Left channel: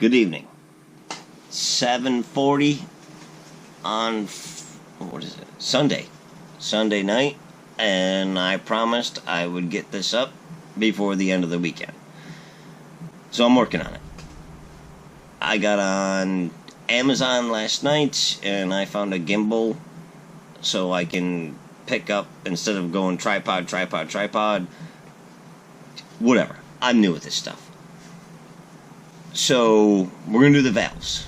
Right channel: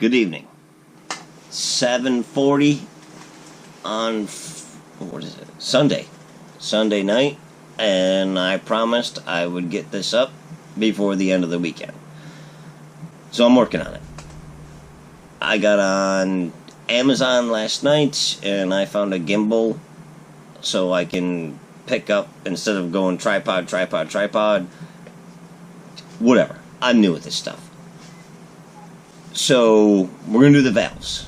Good evening. 7:40 on Sunday night, and I promised I would get this up before the end of the weekend. So I'm working on it. I got on Amazon last night and I found a gimbal so I can pick up instead of going tripod, whatever. I'm new with this stuff. So we're going to do the valves.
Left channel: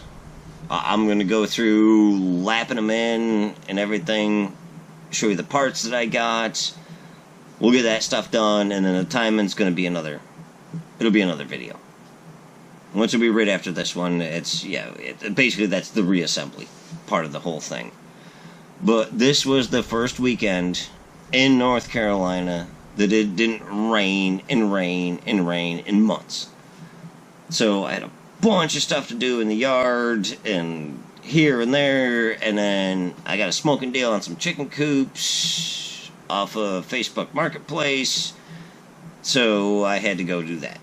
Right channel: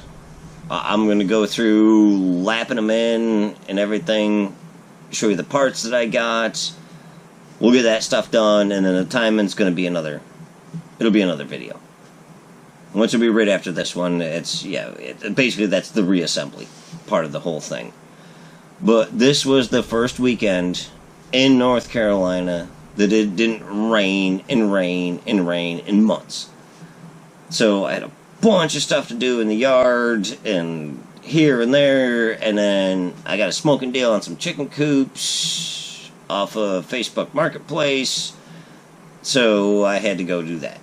I'm going to go through lapping them in and everything, show you the parts that I got. We'll get that stuff done, and then the timing's going to be it'll be another video. Which will be right after this one. Basically that's the reassembly part of the whole thing. But this was the first weekend in North Carolina that it didn't rain in months. So I had a bunch of stuff to do in the yard and here and there, and then I got a smoking deal on some chicken coops off of Facebook Marketplace, so I had to go do that.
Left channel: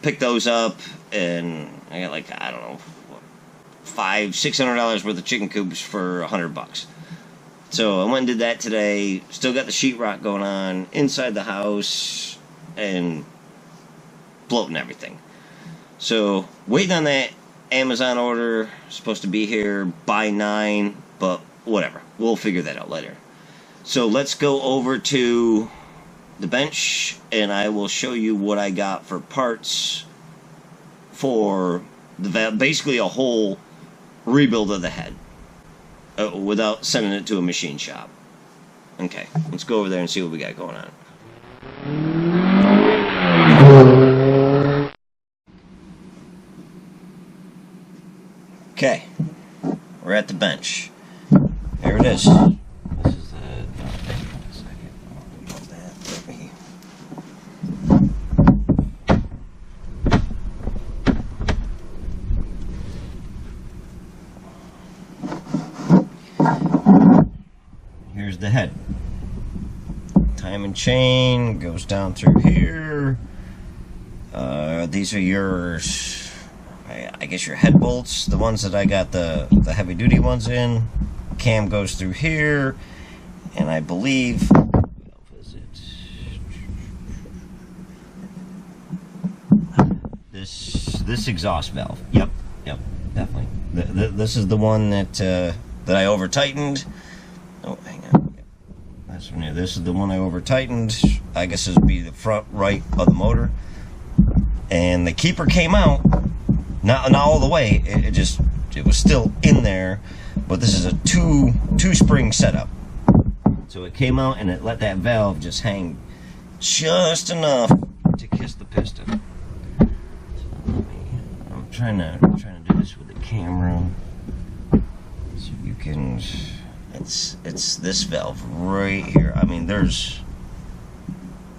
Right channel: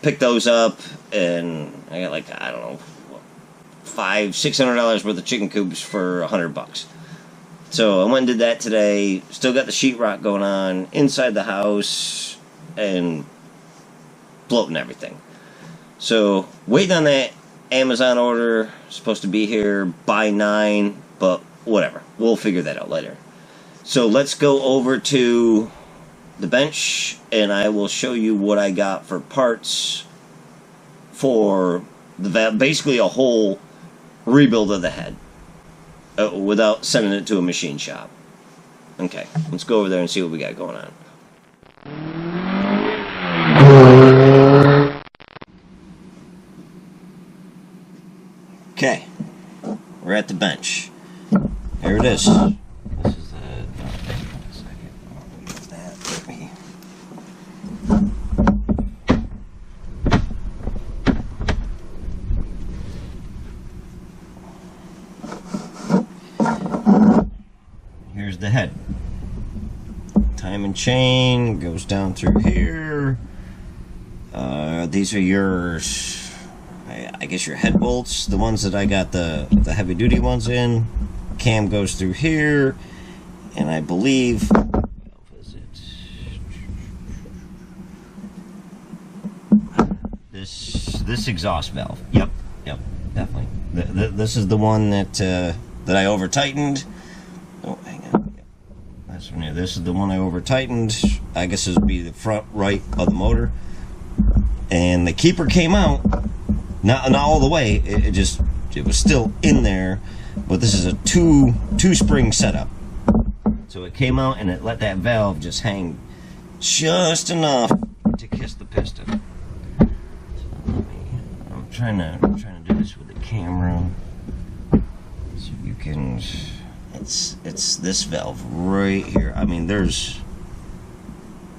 Pick those up, and I got $500-$600 worth of chicken coops for $100. So I went and did that today. Still got the sheetrock going on inside the house and floating everything. So waiting on that Amazon order. Supposed to be here by 9, but whatever. We'll figure that out later. So let's go over to the bench and I will show you what I got for parts for the valve. Basically a whole rebuild of the head without sending it to a machine shop. Okay, let's go over there and see what we got going on. Okay, we're at the bench. Here it is. This is here's the head. Timing chain goes down through here. These are yours. I guess your head bolts, the ones that I got the heavy duty ones in. Cam goes through here, and I believe this exhaust valve. Yep, definitely. This is the one that I over tightened. Oh, hang on. Yep. That's from here. This is the one I over tightened. I guess this would be the front right of the motor, and the keeper came out. Not all the way. It was still in there, but this is a two spring setup. So it came out and it let that valve just hang just enough to kiss the piston. So I'm trying to do this with the camera, so you can. It's this valve right here. I mean, you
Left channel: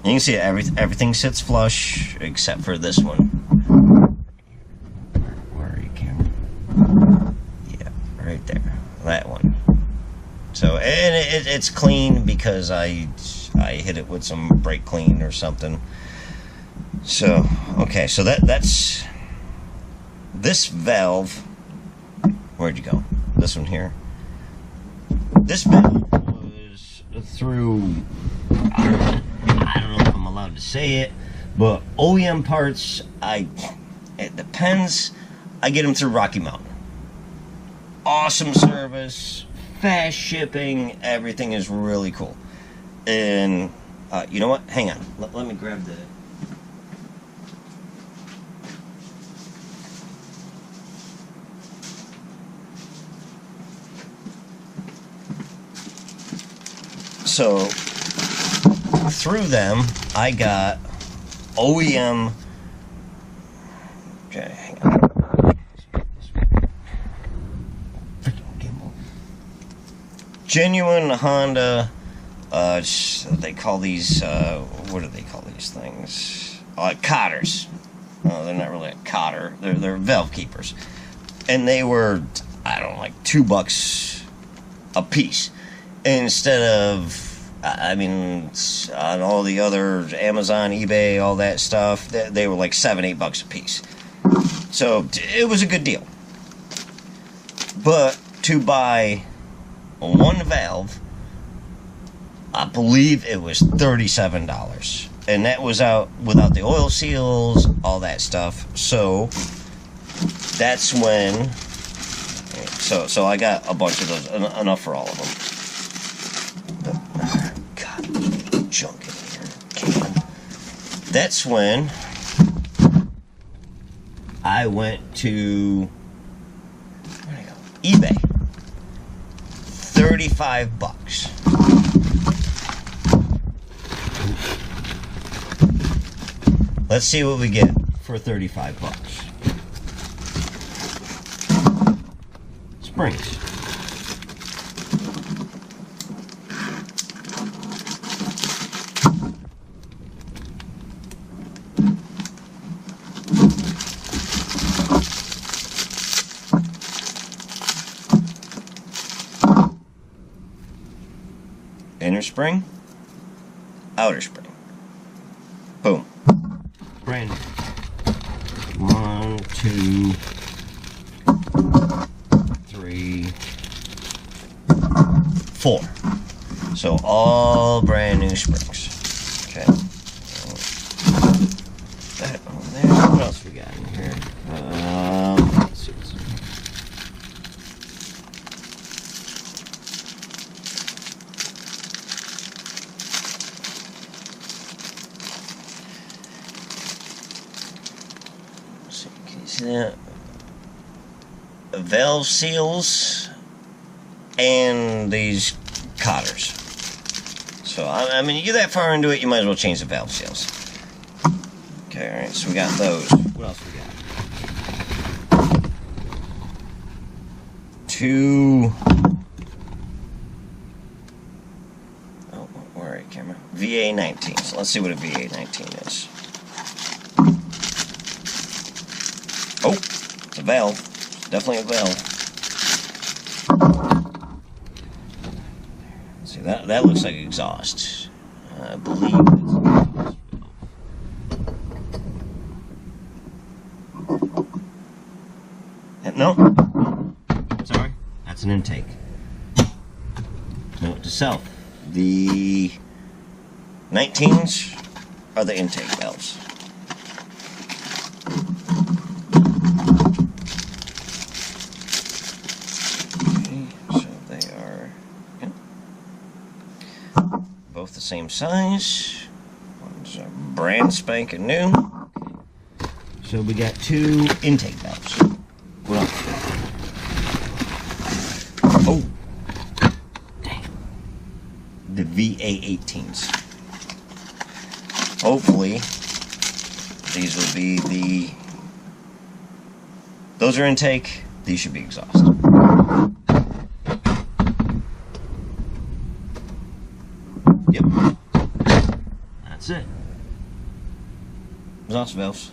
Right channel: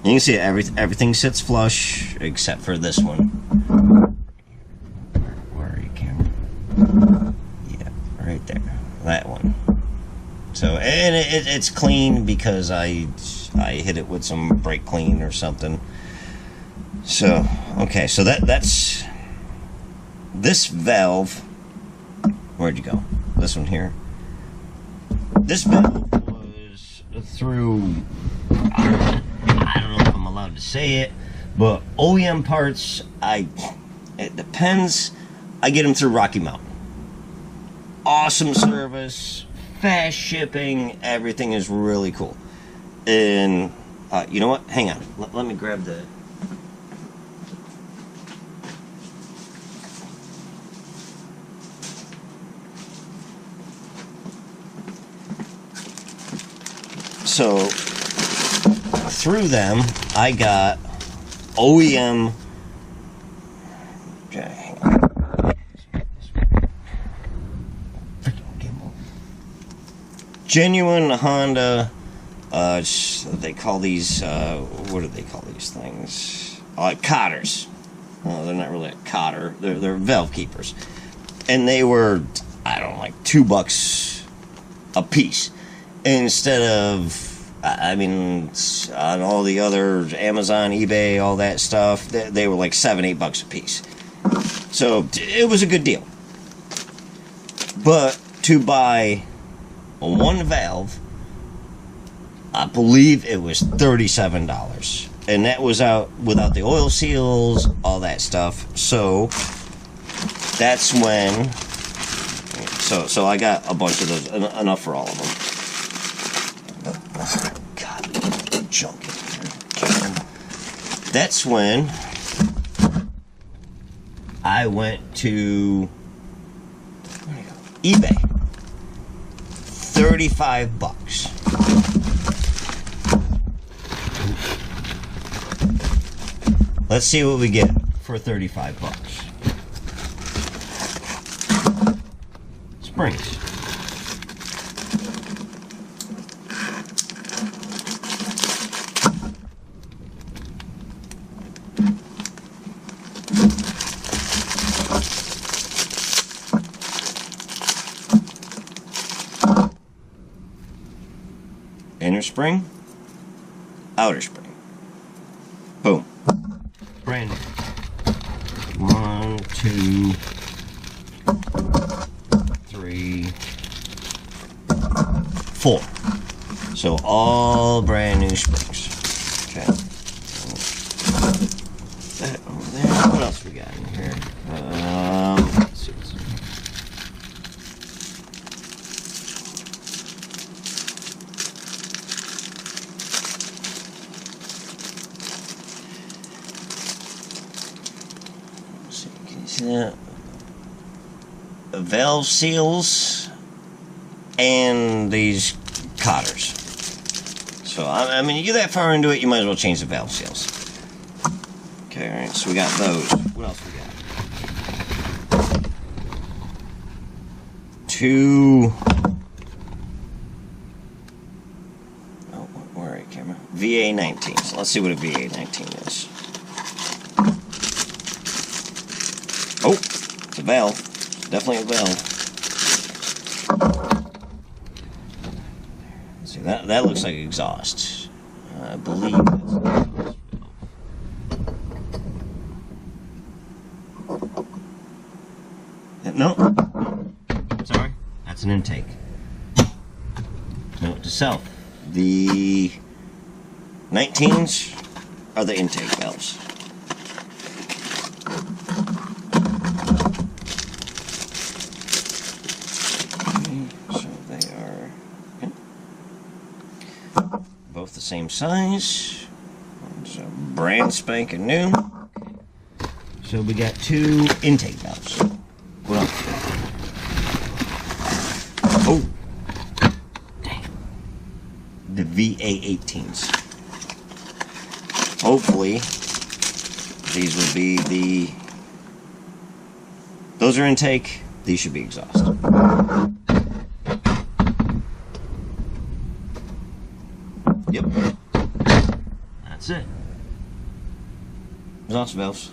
can see everything sits flush except for this one. Right there, that one. So, and it's clean because I hit it with some brake clean or something. So, okay, so that's this valve. Where'd you go? This one here. This valve was through, I don't know if I'm allowed to say it, but OEM parts, it depends. I get them through Rocky Mountain. Awesome service, fast shipping, everything is really cool. And you know what? Hang on. Let me grab the. So through them, I got OEM. Okay, hang on. Genuine Honda, they call these, what do they call these things? Cotters. No, they're not really a cotter. They're valve keepers. And they were, I don't know, like $2 a piece. Instead of, I mean, on all the other Amazon, eBay, all that stuff, they were like $7-8 a piece. So it was a good deal. But to buy one valve, I believe it was $37. And that was out without the oil seals, all that stuff. So that's when... So I got a bunch of those, enough for all of them. Oh, God, junk in here. Can. That's when I went to eBay. $35. Let's see what we get for $35. Springs. Inner spring, outer spring. Boom. Brand new. 1, 2, 3, 4. So all brand new springs. Okay. That over there. What else we got in here? Let's see what's in here. See that? Valve seals and these cotters. So I mean, you get that far into it, you might as well change the valve seals. Okay, all right. So we got those. What else we got? 2. Oh, where are you, camera? VA19. So let's see what a VA19 is. Oh, it's a valve. Definitely a valve. Let's see, that looks like exhaust. I believe that's an exhaust valve. No. Sorry. That's an intake. Note to self. The 19s are the intake valves. Both the same size. One's a brand spanking new. So we got 2 intake valves. What else? Oh, dang! The VA18s. Hopefully, these will be the. Those are intake. These should be exhaust. Yep. That's it. Exhaust valves.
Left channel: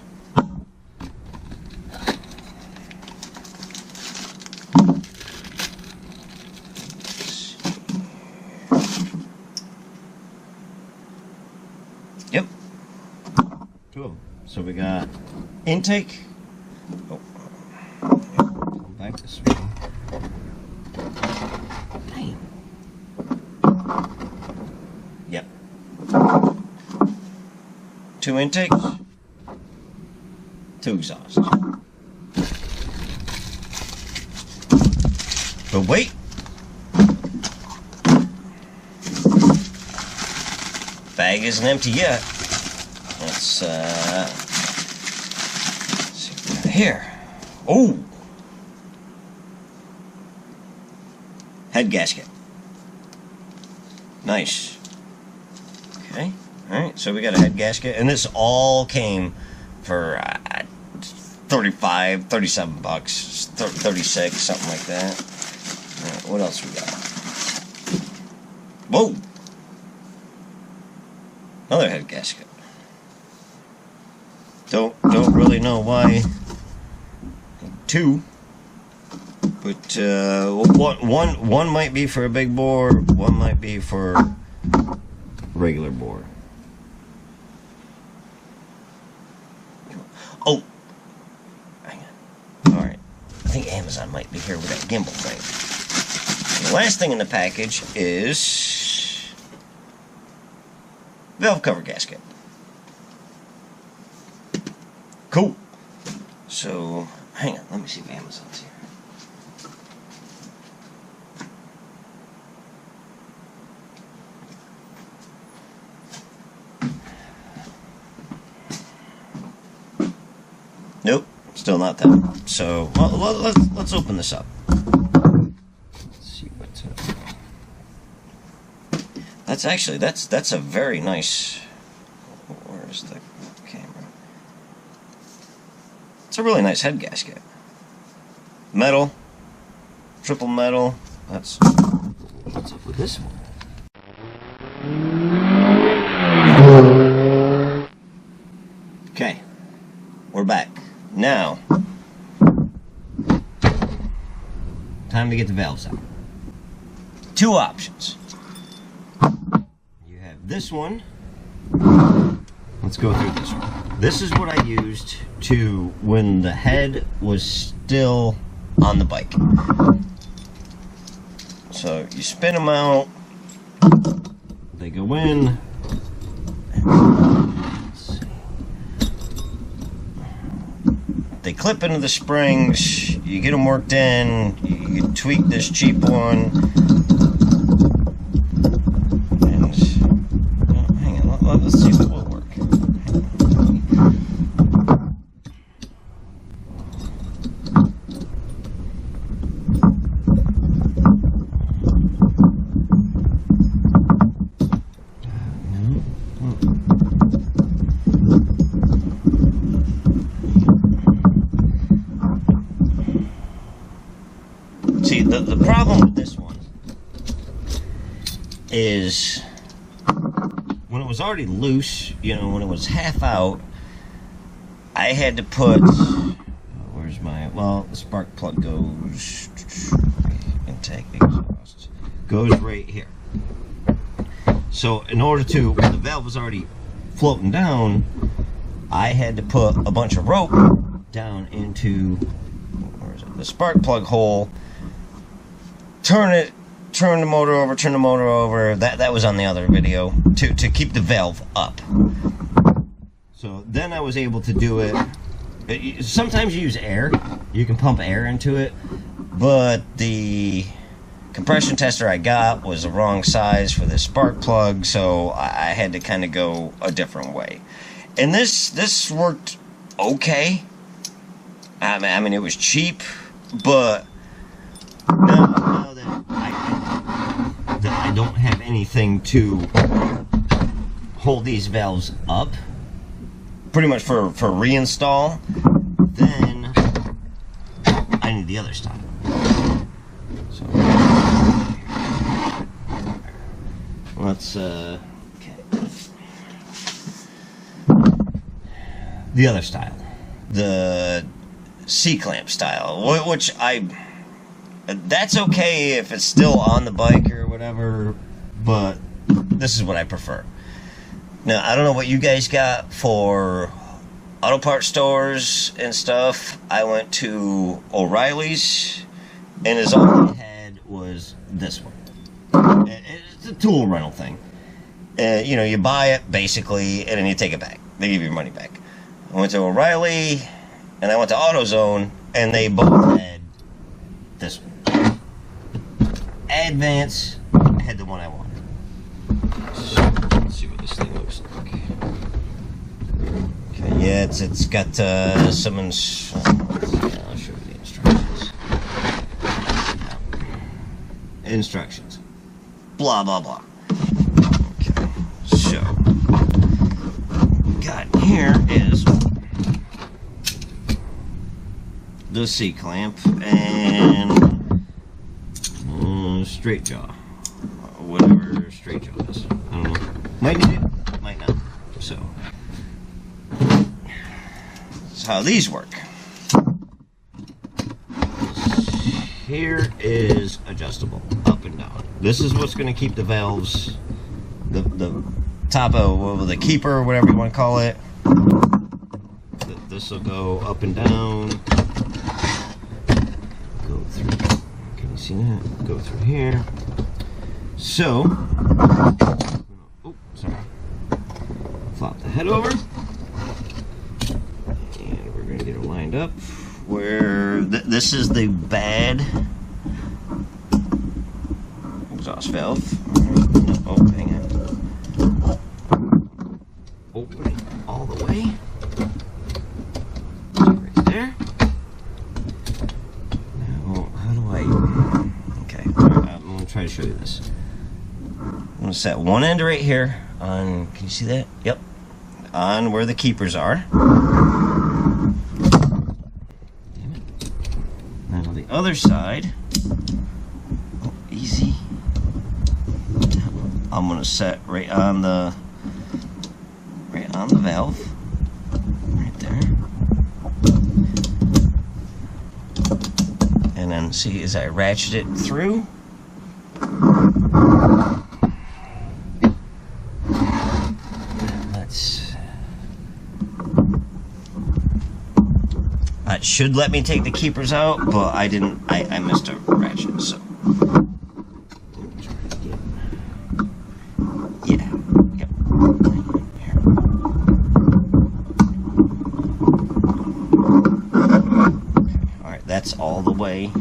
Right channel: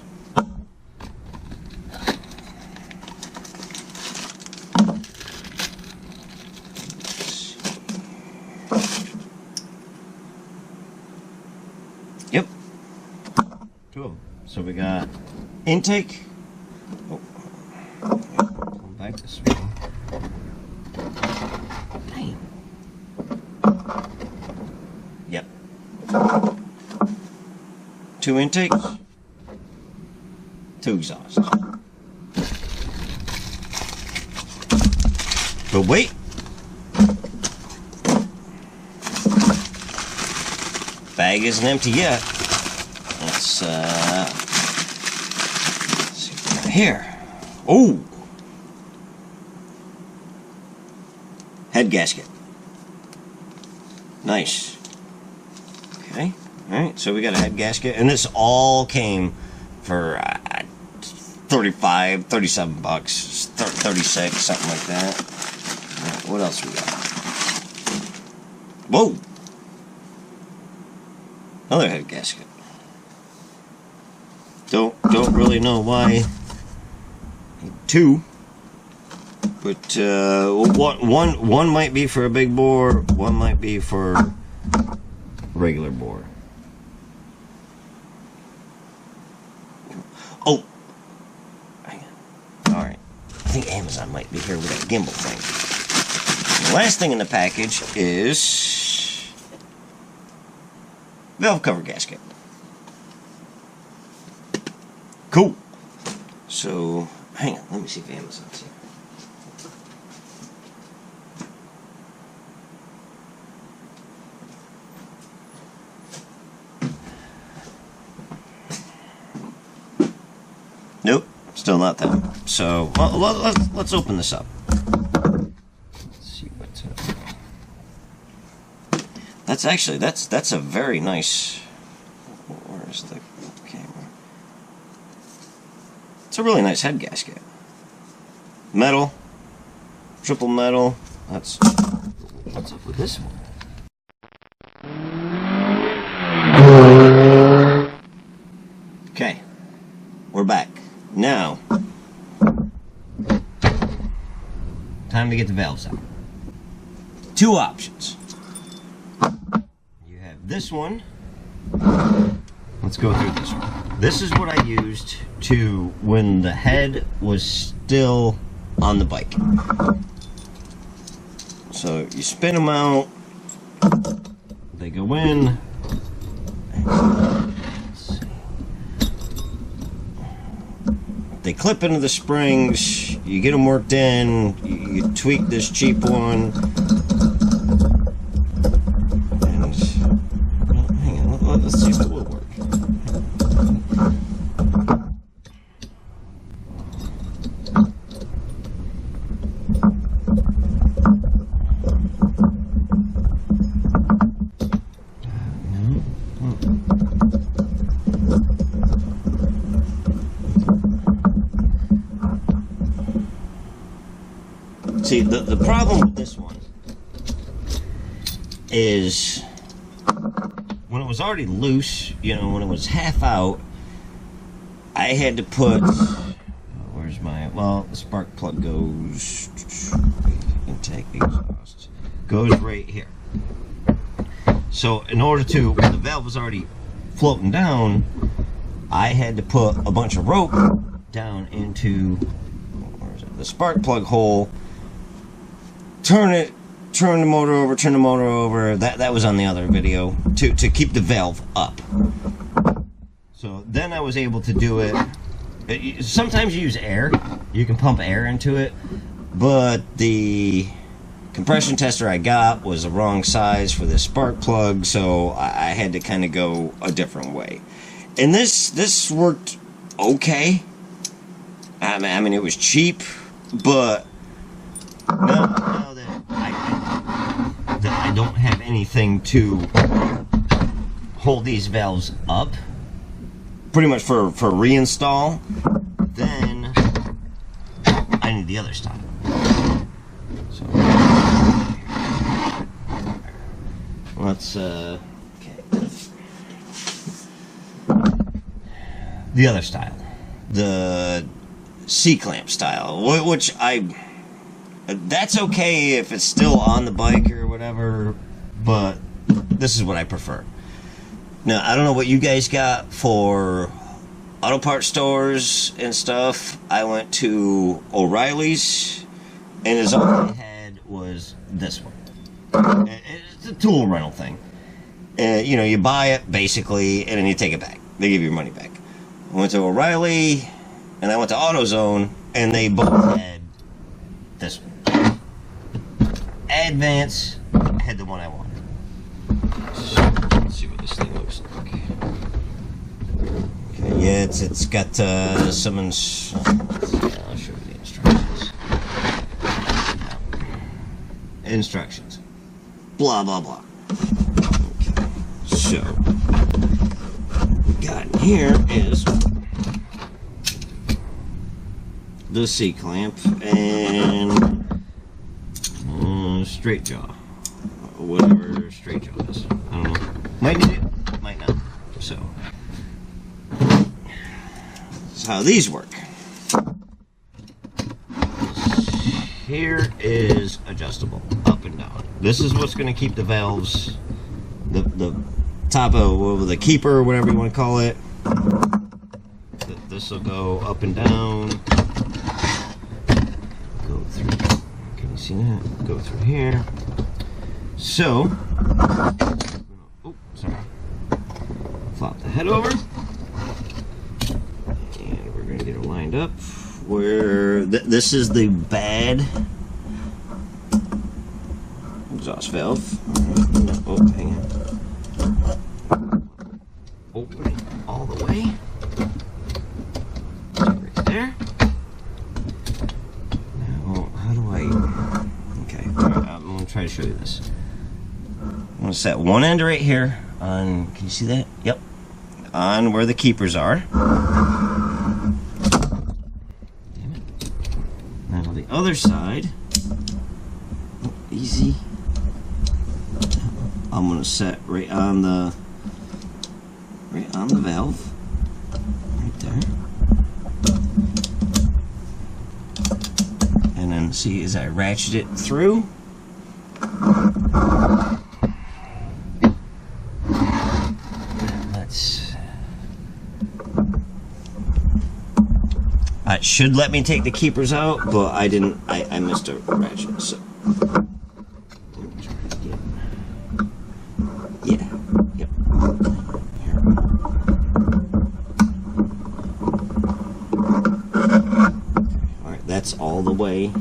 Yep. 2 of them. So we got intake. Oh, come back this way. Dang. Yep. 2 intakes, 2 exhausts. But wait. Bag isn't empty yet. Let's see what we got here. Oh! Head gasket. Nice. Okay. Alright, so we got a head gasket. And this all came for 35, 37 bucks. 36, something like that. Alright, what else we got? Whoa! Another head gasket. Don't really know why. 2. But one might be for a big bore, one might be for regular bore. Oh, hang on. Amazon might be here with that gimbal thing. The last thing in the package is valve cover gasket. Cool. So, hang on, let me see if Amazon's here. Nope, still not them. So, well, let's open this up. Let's see what's that's actually, that's a very nice, where's the camera? It's a really nice head gasket. Metal, triple metal. What's up with this one? Okay, we're back. Now, time to get the valves out. Two options. You have this one. Let's go through this one. This is what I used to when the head was still on the bike. So you spin them out. They go in. They clip into the springs, you get them worked in, you tweak this cheap one, and hang on, let's see if it will work. See, the problem with this one is when it was already loose, you know, when it was half out, I had to put, where's my, well, the spark plug goes, intake, exhaust, goes right here. So in order to, when the valve was already floating down, I had to put a bunch of rope down into, where is it, the spark plug hole, turn the motor over, that was on the other video, to keep the valve up. So then I was able to do it. Sometimes you use air, you can pump air into it, but the compression tester I got was the wrong size for this spark plug, so I had to kind of go a different way. And this worked okay. I mean, it was cheap, but now that I don't have anything to hold these valves up, pretty much for reinstall, then I need the other style. So let's okay. The other style, the C-clamp style, which that's okay if it's still on the bike or whatever, but this is what I prefer. Now, I don't know what you guys got for auto parts stores and stuff. I went to O'Reilly's, and all they had was this one. It's a tool rental thing. You know, you buy it, basically, and then you take it back. They give you your money back. I went to O'Reilly, and I went to AutoZone, and they both had this one. Advance, I had the one I wanted. So, let's see what this thing looks like. Okay, yeah, it's got some I'll show you the instructions. Instructions. Blah, blah, blah. Okay, so, got here is the C-clamp and straight jaw, whatever straight jaw is. I don't know. Might need it, might not. So, that's how these work. Here is adjustable, up and down. This is what's going to keep the valves, the top of the keeper, or whatever you want to call it. This will go up and down. through. Can you see that? Go through here. So, oh, sorry. Flop the head over. And we're going to get it lined up where this is the bad exhaust valve. All right. No, oh, hang on. Open it all the way. Right there. Now, how do I... Okay, all right, I'm going to try to show you this. I'm going to set one end right here on... Can you see that? Yep. On where the keepers are. Then on the other side, oh, easy. I'm going to set right on the valve, right there. And then see as I ratchet it through. It should let me take the keepers out, but I didn't. I missed a ratchet, so. Yeah. Yep. Here. Okay. All right. That's all the way.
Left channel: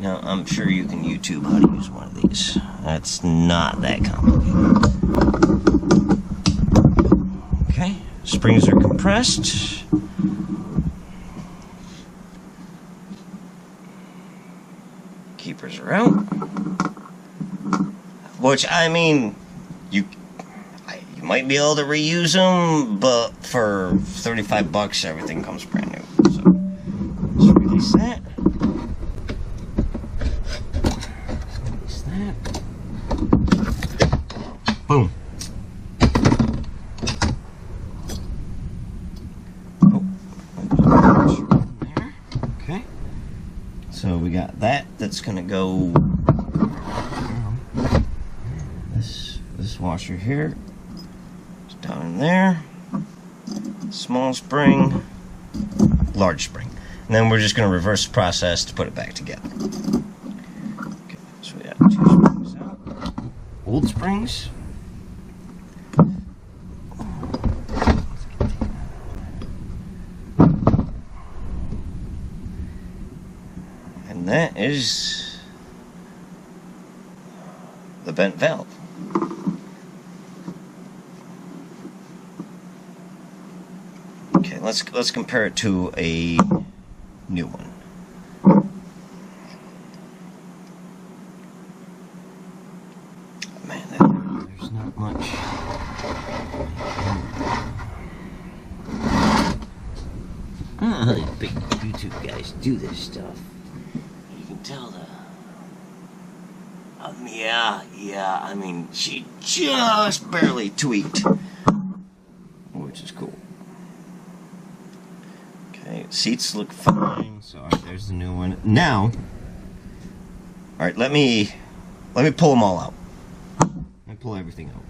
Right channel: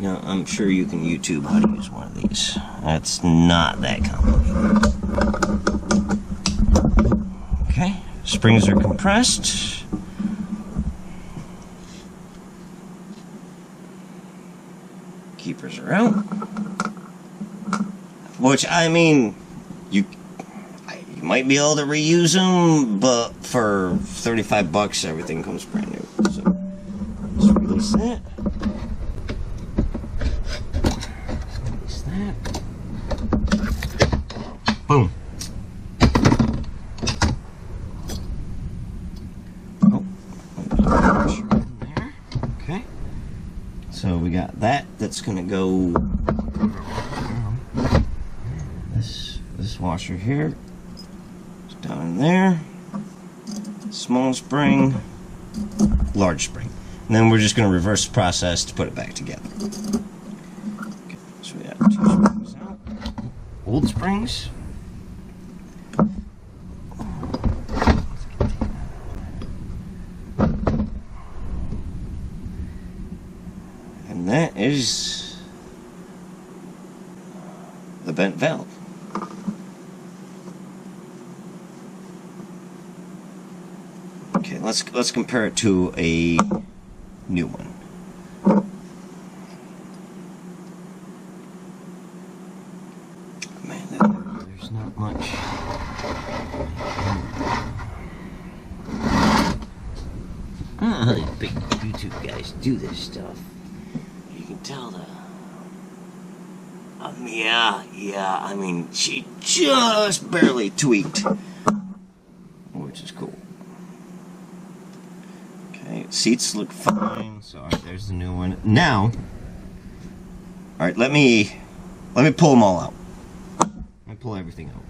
Now, I'm sure you can YouTube how to use one of these. That's not that complicated. Okay, springs are compressed. Keepers are out. Which, I mean, you might be able to reuse them, but for $35, everything comes brand new. So, let's release that. Boom. Oh, in there. Okay. So we got that. That's gonna go. This washer here. It's down in there. Small spring, large spring, and then we're just gonna reverse the process to put it back together. Okay. So we got 2 springs out. Old springs. And that is the bent valve. Okay, let's compare it to a new one. Man, there's not much. I don't know how these big YouTube guys do this stuff. You can tell the... yeah, I mean, she just barely tweaked. Which is cool. Okay, seats look fine. So, alright, there's the new one. Now, alright, let me pull them all out. Let me pull everything out.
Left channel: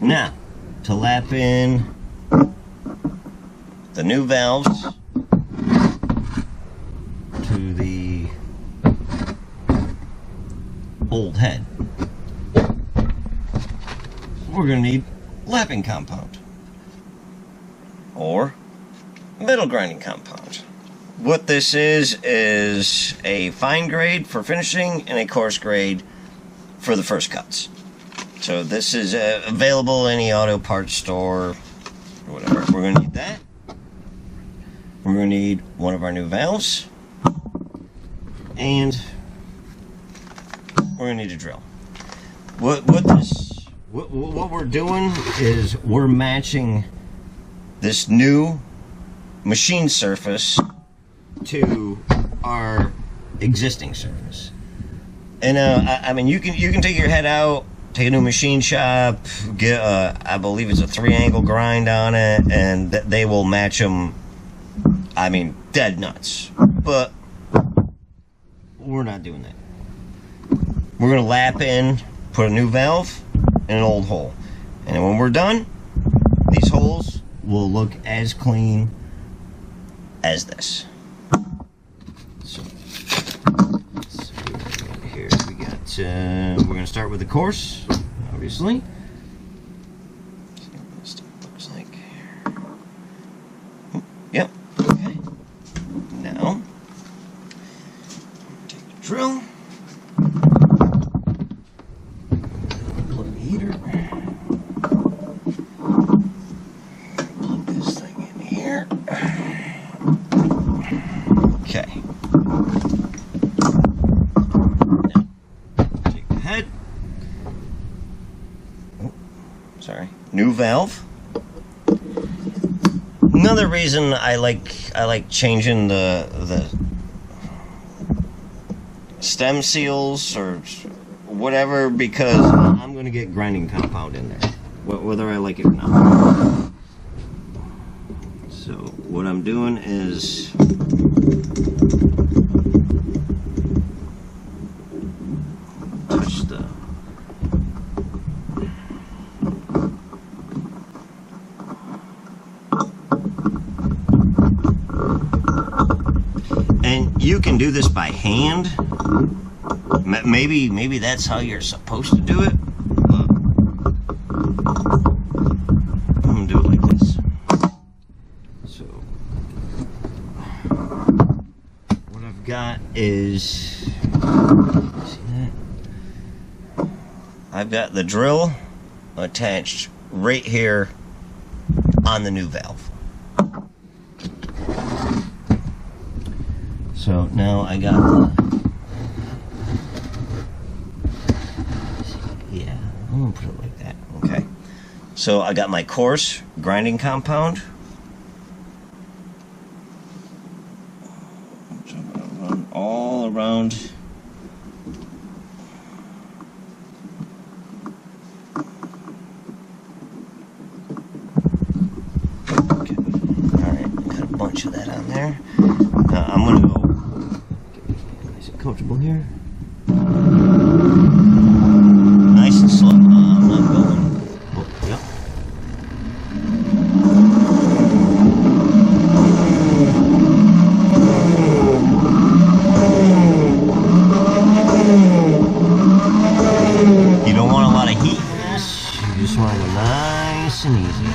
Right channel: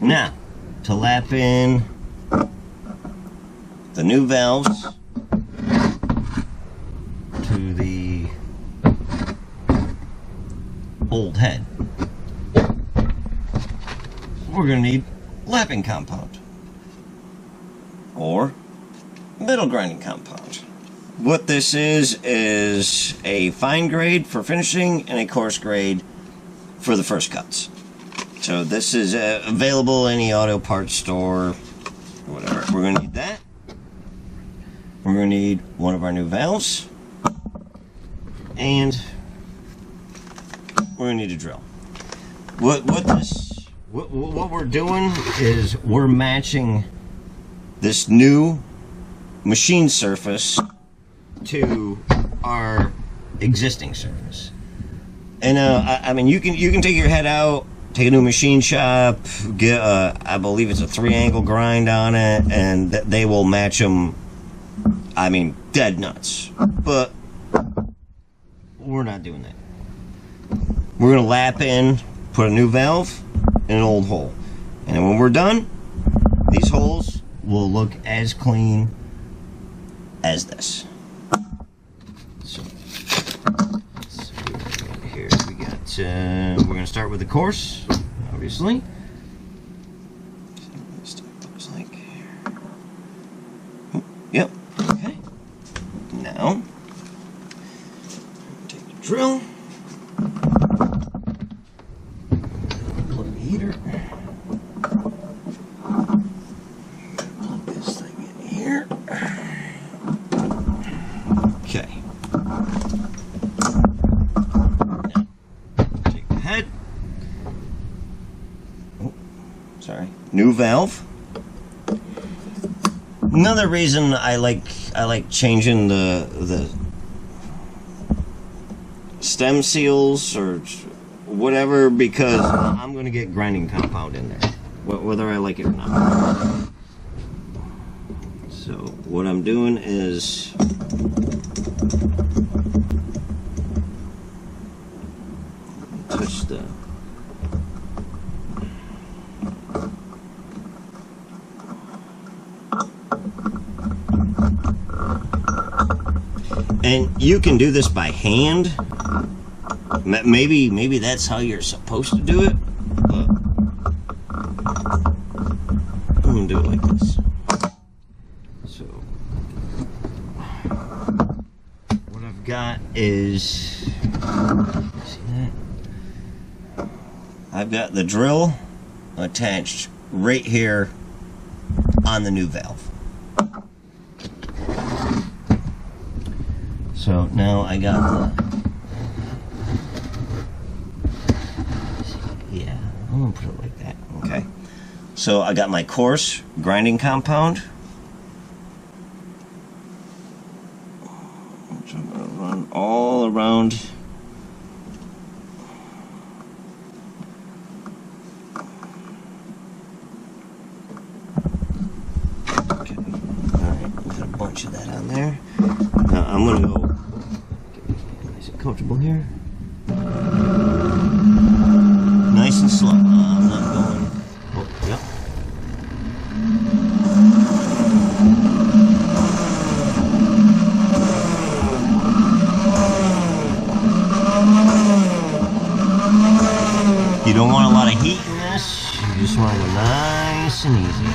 Now, to lap in the new valves to the old head. we're going to need lapping compound or metal grinding compound. What this is a fine grade for finishing and a coarse grade for the first cuts. So this is available in any auto parts store or whatever. We're going to need that. We're going to need one of our new valves. And we're going to need a drill. What we're doing is we're matching this new machine surface to our existing surface. And I mean, you can take your head out, take a new machine shop, get I believe it's a 3-angle grind on it, and they will match them. I mean, dead nuts. But we're not doing that. We're gonna lap in, put a new valve in an old hole, and then when we're done, these holes will look as clean as this. So here we got. We're gonna start with the coarse, obviously. See what this stuff looks like. Oh, yep. Okay. Now take the drill. Plug the heater. Plug this thing in here. Okay. Now, take the head. Oh, sorry. New valve. Another reason I like changing the stem seals or whatever, because I'm going to get grinding compound in there, whether I like it or not. So what I'm doing is touch the and you can do this by hand. Maybe that's how you're supposed to do it, but I'm gonna do it like this. So what I've got is, see that? I've got the drill attached right here on the new valve. So now I got the, yeah, I'm gonna put it like that, okay. So I got my coarse grinding compound. So I'm gonna run all around. Okay, alright, got a bunch of that on there. Now I'm gonna go nice and comfortable here. Nice and slow. I'm not going. Oh, yep. You don't want a lot of heat in this. You just want to go nice and easy.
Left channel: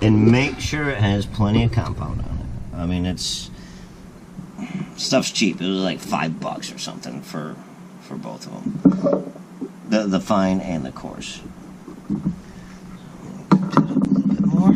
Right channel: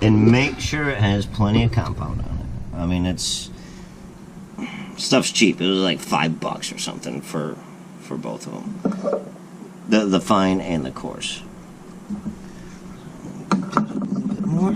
And make sure it has plenty of compound on it. I mean, stuff's cheap. It was like $5 or something for both of them, the fine and the coarse. So I'm gonna do it up a little bit more.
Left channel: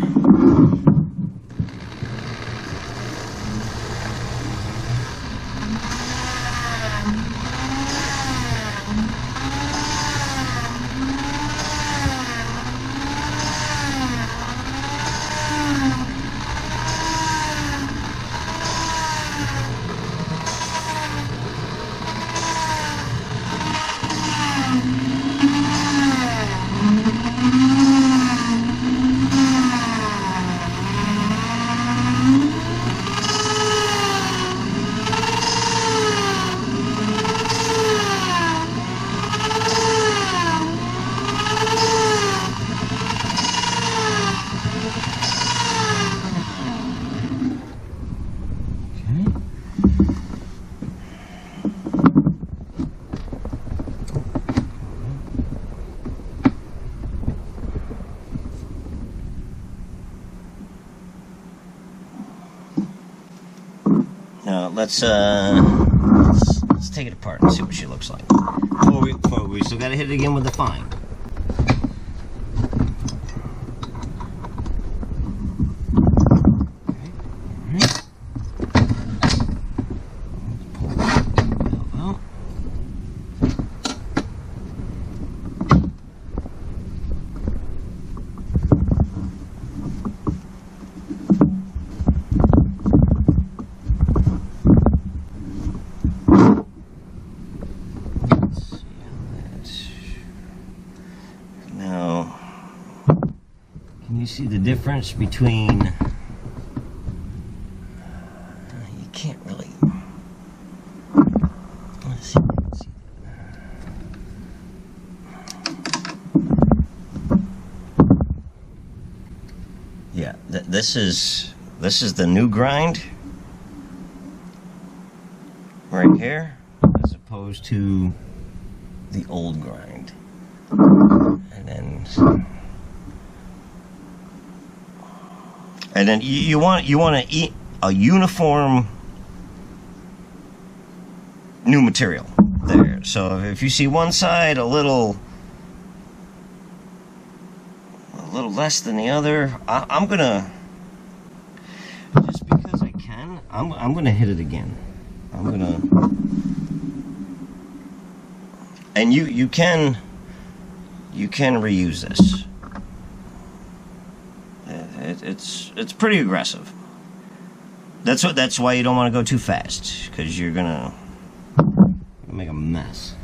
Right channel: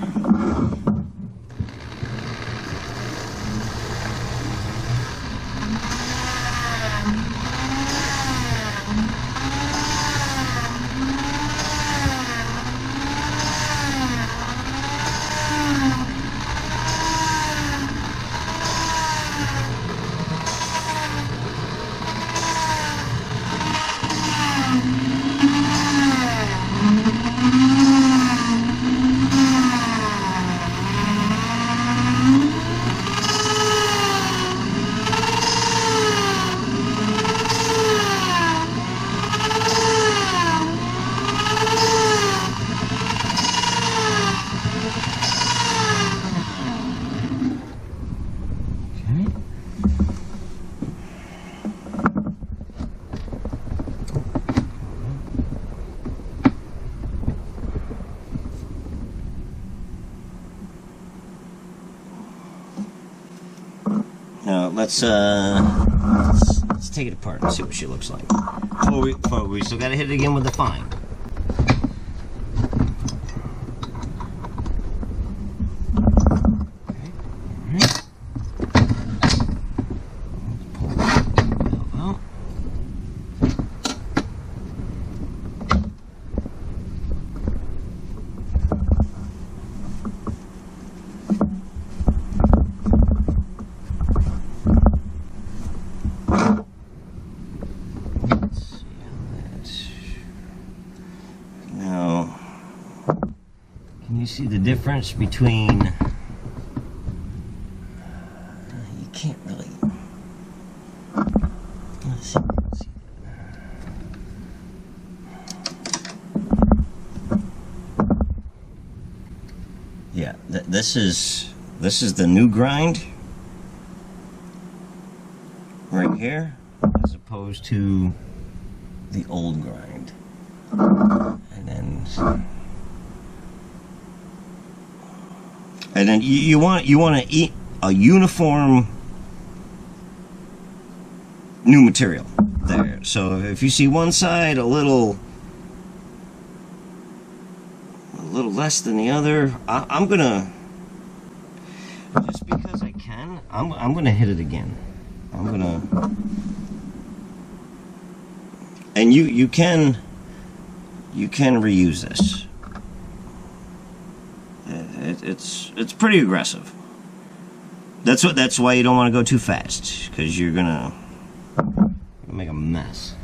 Let's take it apart and see what she looks like. But we still gotta hit it again with the fine. Can you see the difference between... you can't really... Let's see. Yeah, this is the new grind right here, as opposed to the old grind. And then you want to eat a uniform new material there. So if you see one side a little less than the other, I'm gonna, just because I can, I'm gonna hit it again. I'm gonna, and you can reuse this. It's pretty aggressive. That's why you don't want to go too fast, because you're gonna make a mess.